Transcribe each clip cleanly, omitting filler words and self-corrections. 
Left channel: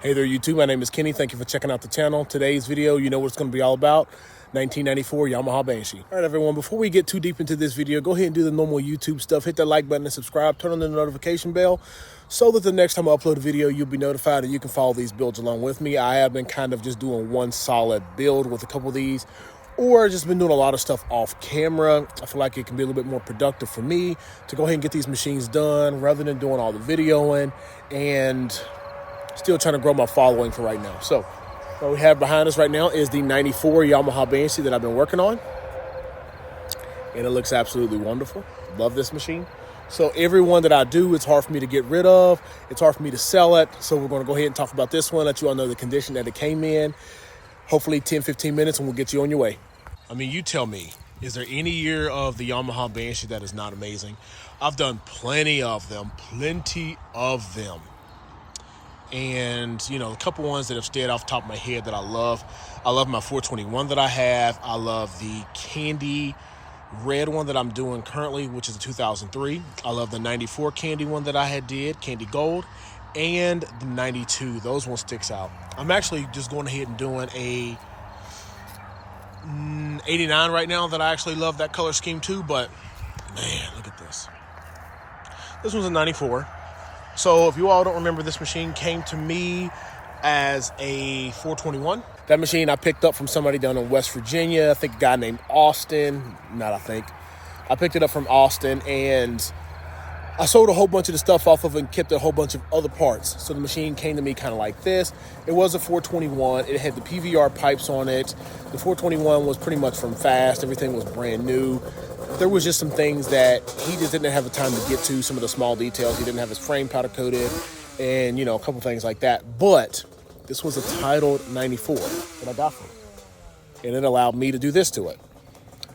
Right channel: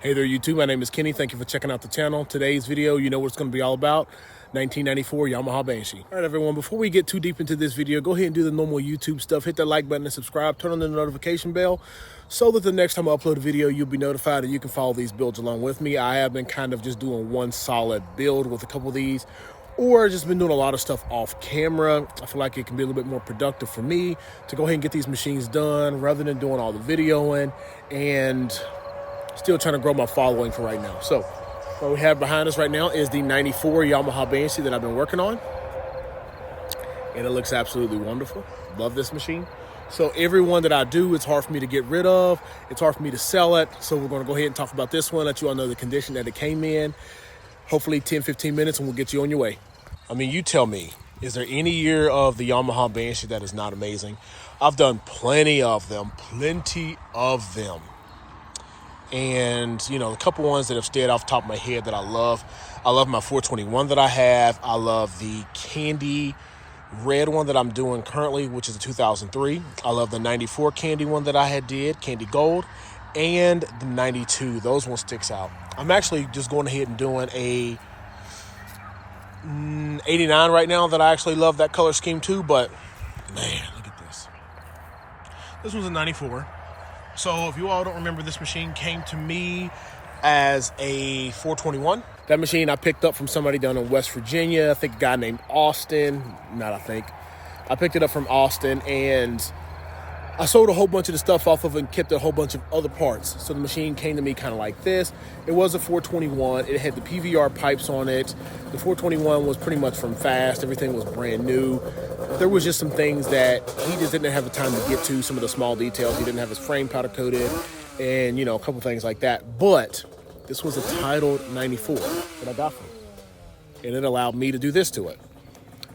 Hey there, YouTube. My name is Kenny. Thank you for checking out the channel. Today's video, you know what it's going to be all about. 1994 Yamaha Banshee. All right, everyone, before we get too deep into this video, go ahead and do the normal YouTube stuff. Hit that like button and subscribe. Turn on the notification bell so that the next time I upload a video, you'll be notified and you can follow these builds along with me. I have been kind of just doing one solid build with a couple of these, or just been doing a lot of stuff off camera. I feel like it can be a little bit more productive for me to go ahead and get these machines done rather than doing all the videoing and still trying to grow my following for right now. So what we have behind us right now is the 94 Yamaha Banshee that I've been working on. And it looks absolutely wonderful. Love this machine. So every one that I do, it's hard for me to get rid of. It's hard for me to sell it. So we're going to go ahead and talk about this one, let you all know the condition that it came in. Hopefully 10, 15 minutes and we'll get you on your way. I mean, you tell me, is there any year of the Yamaha Banshee that is not amazing? I've done plenty of them. And, you know, a couple ones that have stayed off the top of my head that I love. I love my 421 that I have. I love the candy red one that I'm doing currently, which is a 2003. I love the 94 candy one that I did, candy gold, and the 92. Those ones sticks out. I'm actually just going ahead and doing a 89 right now that I actually love that color scheme too, but man, look at this. This one's a 94. So if you all don't remember, this machine came to me as a 421. That machine I picked up from somebody down in West Virginia. I think a guy named Austin. I picked it up from Austin, and I sold a whole bunch of the stuff off of it and kept a whole bunch of other parts. So the machine came to me kind of like this. It was a 421. It had the PVR pipes on it. The 421 was pretty much from fast. Everything was brand new. There was just some things that he just didn't have the time to get to, some of the small details. He didn't have his frame powder coated and, you know, a couple things like that. But this was a titled 94 that I got from him. And it allowed me to do this to it.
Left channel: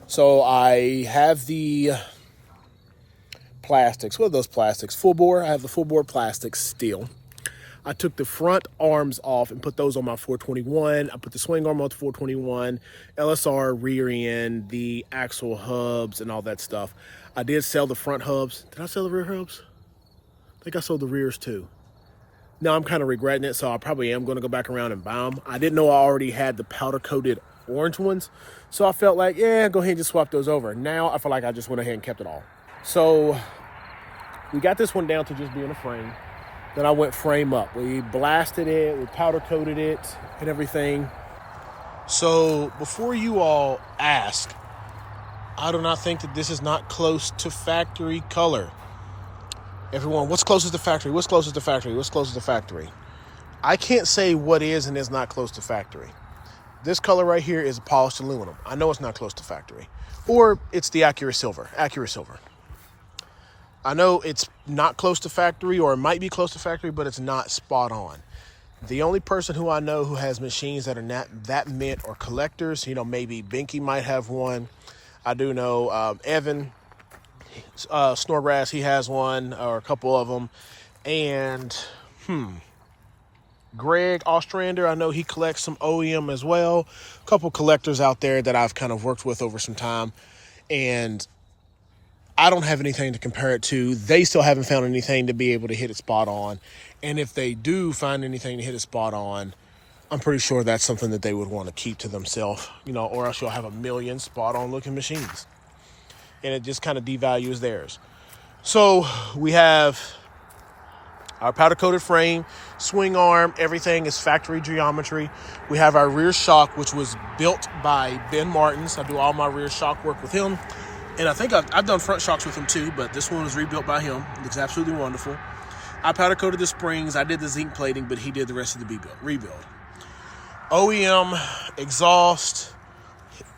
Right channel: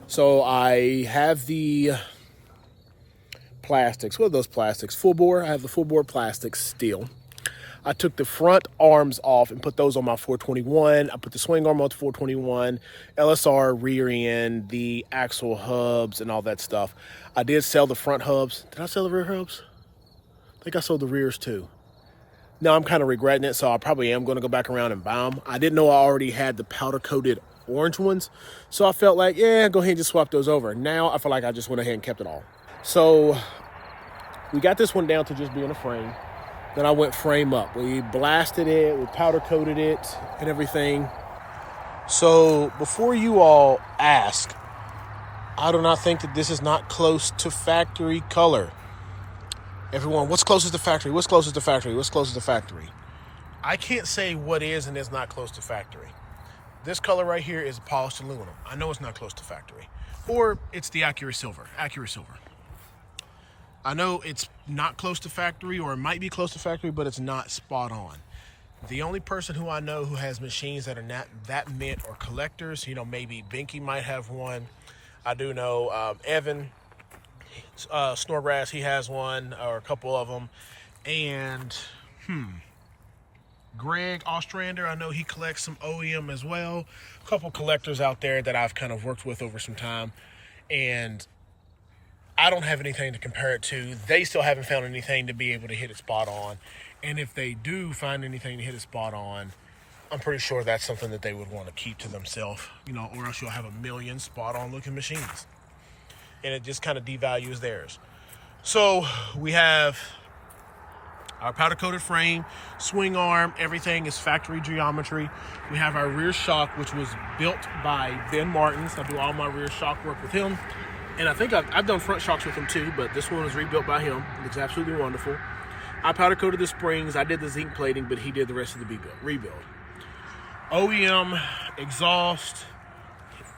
So I have the plastics. What are those plastics? Full bore. I have the full bore plastics steel. I took the front arms off and put those on my 421. I put the swing arm on the 421, LSR rear end, the axle hubs, and all that stuff. I did sell the front hubs. Did I sell the rear hubs? I think I sold the rears too. Now I'm kind of regretting it, so I probably am going to go back around and buy them. I didn't know I already had the powder-coated orange ones, so I felt like, yeah, go ahead and just swap those over. Now I feel like I just went ahead and kept it all. So we got this one down to just being a frame. Then I went frame up. We blasted it, we powder coated it and everything. So before you all ask, I do not think that this is not close to factory color. Everyone, what's closest to factory? What's closest to factory? What's closest to factory? I can't say what is and is not close to factory. This color right here is polished aluminum. I know it's not close to factory. Or it's the Accurate Silver. I know it's not close to factory, or it might be close to factory, but it's not spot on. The only person who I know who has machines that are not that mint or collectors, you know, maybe Binky might have one. I do know Evan Snorgrass, he has one, or a couple of them. And Greg Ostrander, I know he collects some OEM as well. A couple collectors out there that I've kind of worked with over some time. And I don't have anything to compare it to. They still haven't found anything to be able to hit it spot on. And if they do find anything to hit it spot on, I'm pretty sure that's something that they would want to keep to themselves, you know, or else you'll have a million spot on looking machines. And it just kind of devalues theirs. So we have our powder coated frame, swing arm, everything is factory geometry. We have our rear shock, which was built by Ben Martins. I do all my rear shock work with him. And I think I've done front shocks with him too, but this one was rebuilt by him. It looks absolutely wonderful. I powder coated the springs. I did the zinc plating, but he did the rest of the rebuild. OEM exhaust.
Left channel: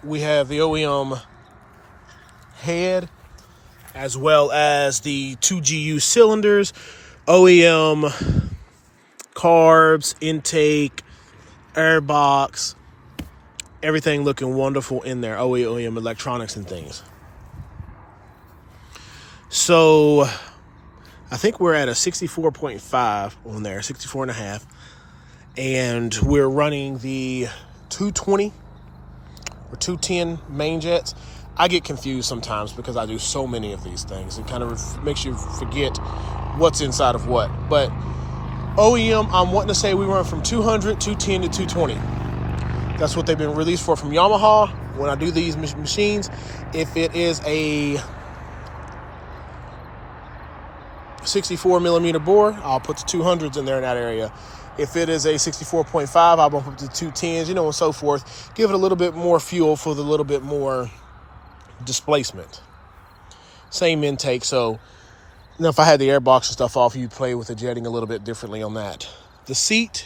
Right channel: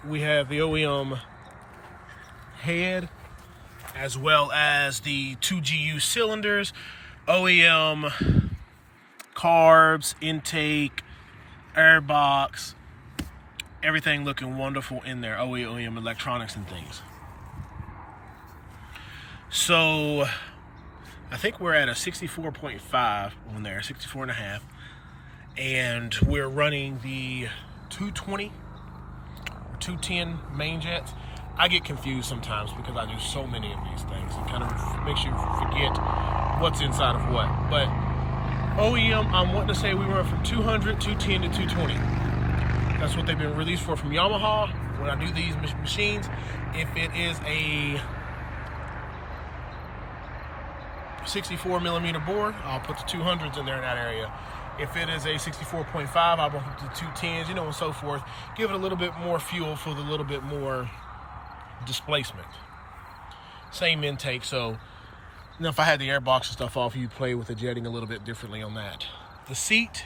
We have the OEM head, as well as the 2GU cylinders, OEM carbs, intake, air box, everything looking wonderful in there. OEM electronics and things. So I think we're at a 64.5 on there, 64.5. And we're running the 220 or 210 main jets. I get confused sometimes because I do so many of these things. It kind of makes you forget what's inside of what. But OEM, I'm wanting to say we run from 200, 210 to 220. That's what they've been released for from Yamaha. When I do these machines, if it is a 64 millimeter bore, I'll put the 200s in there in that area. If it is a 64.5, I'll bump up to 210s, and so forth. Give it a little bit more fuel for the little bit more displacement. Same intake, so if I had the airbox and stuff off, you'd play with the jetting a little bit differently on that. The seat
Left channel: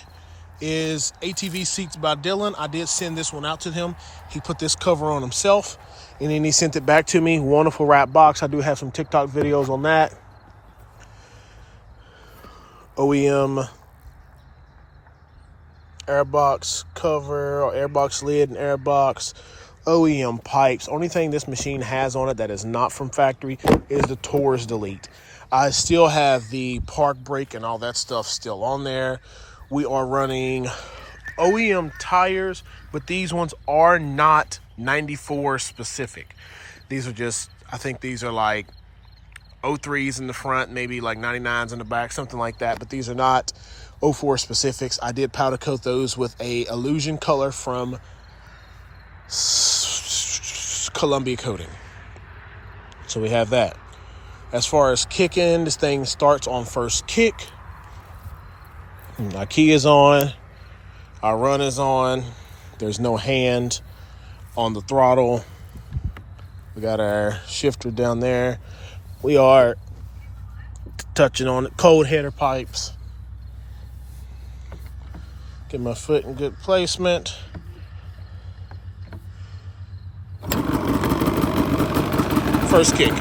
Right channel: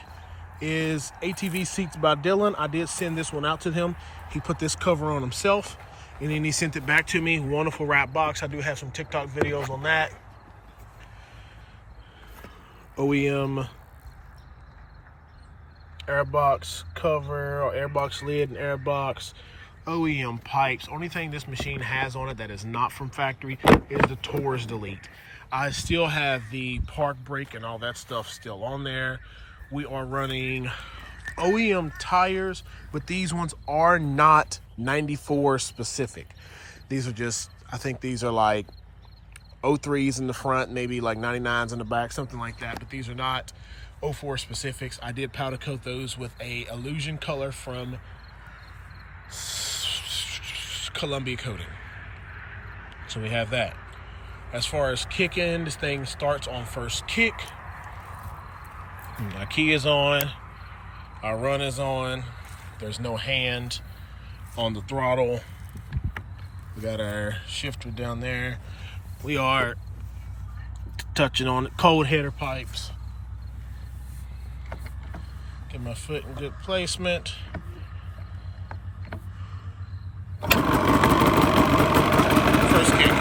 is ATV Seats by Dylan. I did send this one out to him. He put this cover on himself, and then he sent it back to me. Wonderful wrap box. I do have some TikTok videos on that. OEM airbox cover, or airbox lid and airbox. OEM pipes. Only thing this machine has on it that is not from factory is the Taurus Delete. I still have the park brake and all that stuff still on there. We are running OEM tires, but these ones are not 94 specific. These are just, I think these are like 03s in the front, maybe like 99s in the back, something like that. But these are not 04 specifics. I did powder coat those with a Illusion color from Columbia Coating. So we have that. As far as kicking, this thing starts on first kick. My key is on. Our run is on. There's no hand on the throttle. We got our shifter down there. We are touching on it. Cold header pipes. Get my foot in good placement. First kick.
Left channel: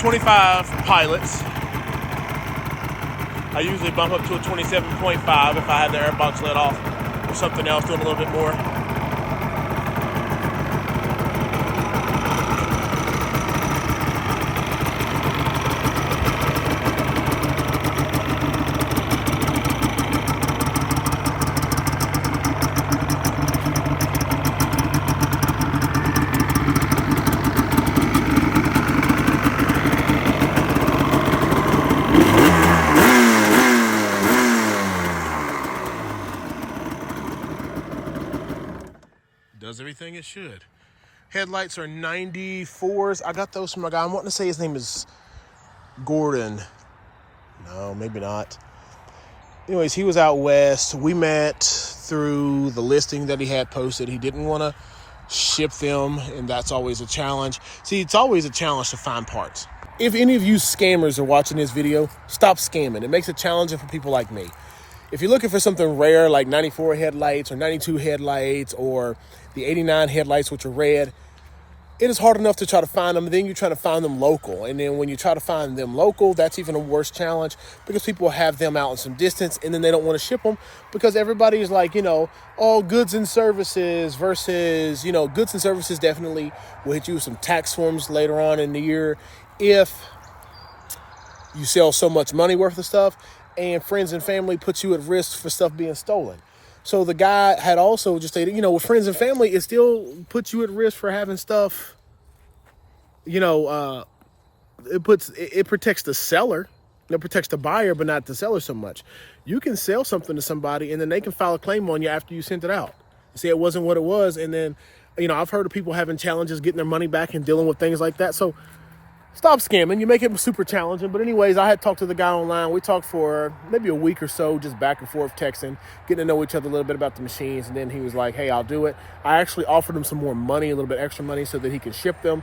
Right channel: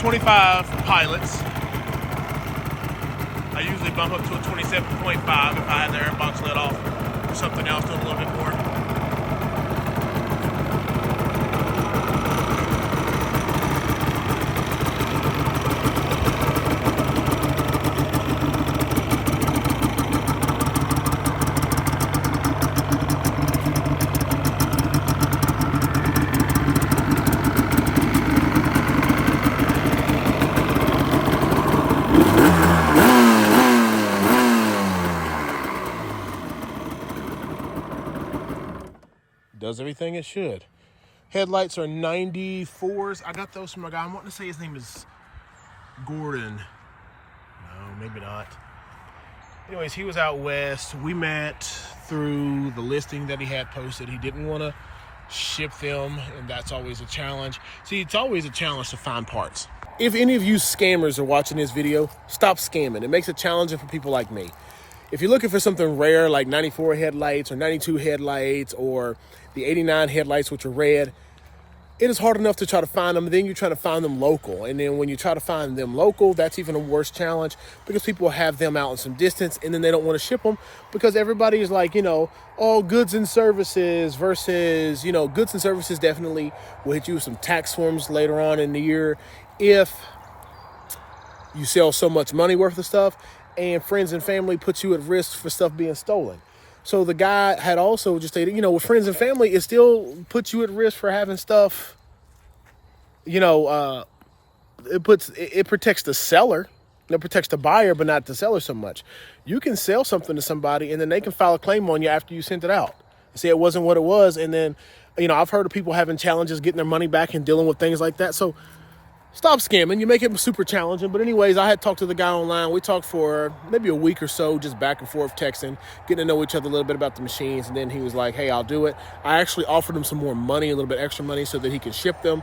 25 pilots. I usually bump up to a 27.5 if I have the airbox let off. Or something else, doing a little bit more. Does everything it should. Headlights are 94s. I got those from a guy. I'm wanting to say his name is Gordon. No, maybe not. Anyways, he was out west. We met through the listing that he had posted. He didn't want to ship them, and that's always a challenge. See, it's always a challenge to find parts. If any of you scammers are watching this video, stop scamming. It makes it challenging for people like me. If you're looking for something rare like 94 headlights or 92 headlights or the 89 headlights, which are red, it is hard enough to try to find them. Then you're trying to find them local. And then when you try to find them local, that's even a worse challenge because people have them out in some distance and then they don't want to ship them because everybody is like, all goods and services versus, goods and services definitely will hit you with some tax forms later on in the year if you sell so much money worth of stuff, and friends and family puts you at risk for stuff being stolen. So the guy had also just stated, with friends and family, it still puts you at risk for having stuff, it protects the seller. It protects the buyer, but not the seller so much. You can sell something to somebody and then they can file a claim on you after you sent it out. Say it wasn't what it was. And then, I've heard of people having challenges getting their money back and dealing with things like that. So stop scamming. You make it super challenging. But anyways, I had talked to the guy online. We talked for maybe a week or so, just back and forth texting, getting to know each other a little bit about the machines. And then he was like, hey, I'll do it. I actually offered him some more money, a little bit extra money so that he could ship them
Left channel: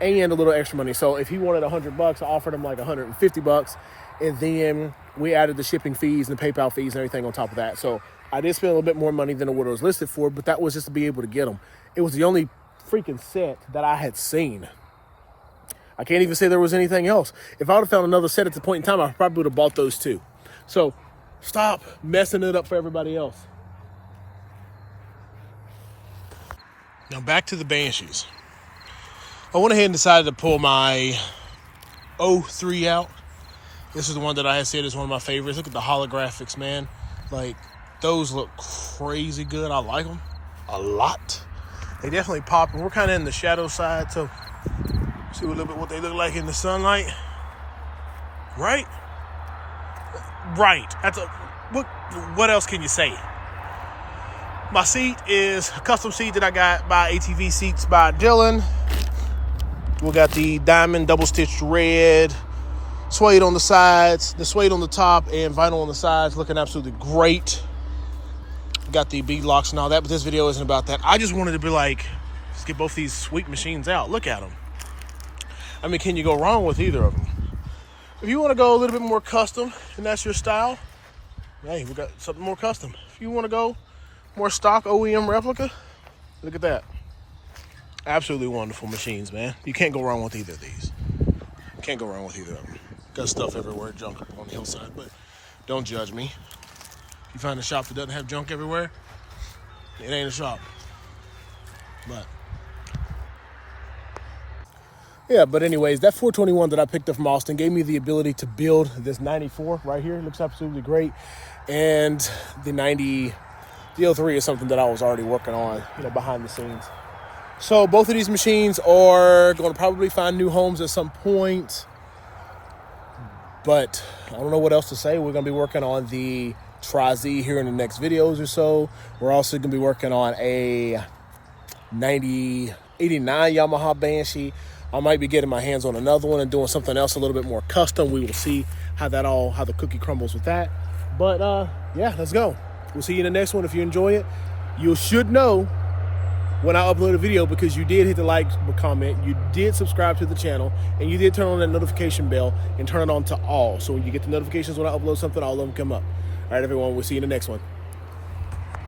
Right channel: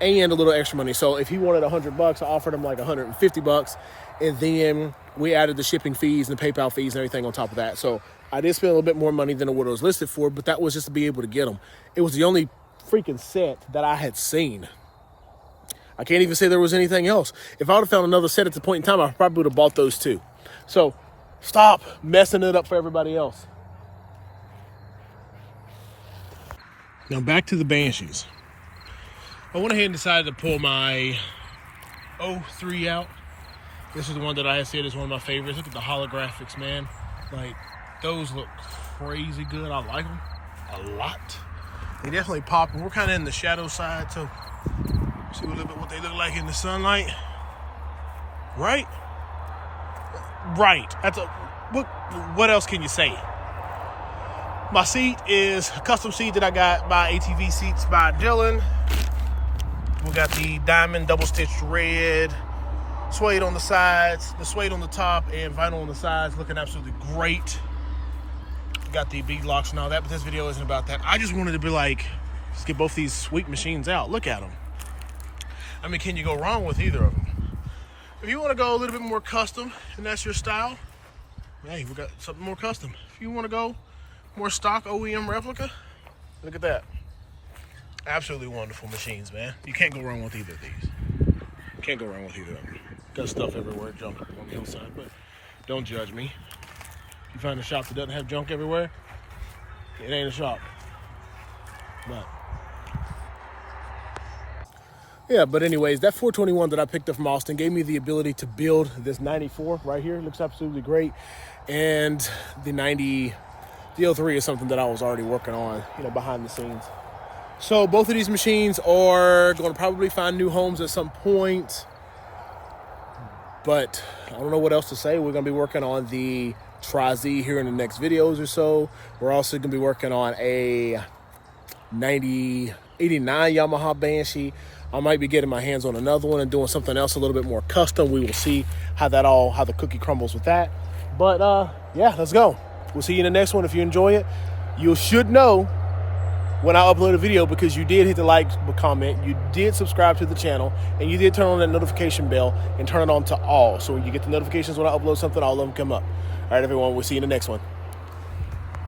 and a little extra money. So if he wanted $100, I offered him like $150. And then we added the shipping fees and the PayPal fees and everything on top of that. So I did spend a little bit more money than what it was listed for, but that was just to be able to get them. It was the only freaking set that I had seen. I can't even say there was anything else. If I would have found another set at the point in time, I probably would have bought those too. So stop messing it up for everybody else. Now back to the Banshees. I went ahead and decided to pull my 03 out. This is the one that I had said is one of my favorites. Look at the holographics, man. Like, those look crazy good. I like them a lot. They definitely pop, and we're kind of in the shadow side, so see a little bit what they look like in the sunlight. Right? Right. That's a, what else can you say? My seat is a custom seat that I got by ATV Seats by Dylan. We got the diamond double-stitched red, suede on the sides, the suede on the top, and vinyl on the sides, looking absolutely great. Got the bead locks and all that, but this video isn't about that. I just wanted to be like, let's get both these sweet machines out. Look at them. I mean, can you go wrong with either of them? If you want to go a little bit more custom, and that's your style, hey, we got something more custom. If you want to go more stock OEM replica, look at that. Absolutely wonderful machines, man. You can't go wrong with either of these. Can't go wrong with either of them. Got stuff everywhere, junk on the hillside, but don't judge me. If you find a shop that doesn't have junk everywhere, it ain't a shop. But yeah, but anyways, that 421 that I picked up from Austin gave me the ability to build this 94 right here. It looks absolutely great. And the 90, the 03 is something that I was already working on, behind the scenes. So both of these machines are going to probably find new homes at some point. But I don't know what else to say. We're going to be working on the Tri-Z here in the next videos or so. We're also going to be working on a 89 Yamaha Banshee. I might be getting my hands on another one and doing something else a little bit more custom. We will see how the cookie crumbles with that. But yeah, let's go. We'll see you in the next one. If you enjoy it, you should know when I upload a video, because you did hit the like, comment, you did subscribe to the channel, and you did turn on that notification bell and turn it on to all. So when you get the notifications when I upload something, all of them come up. All right, everyone, we'll see you in the next one.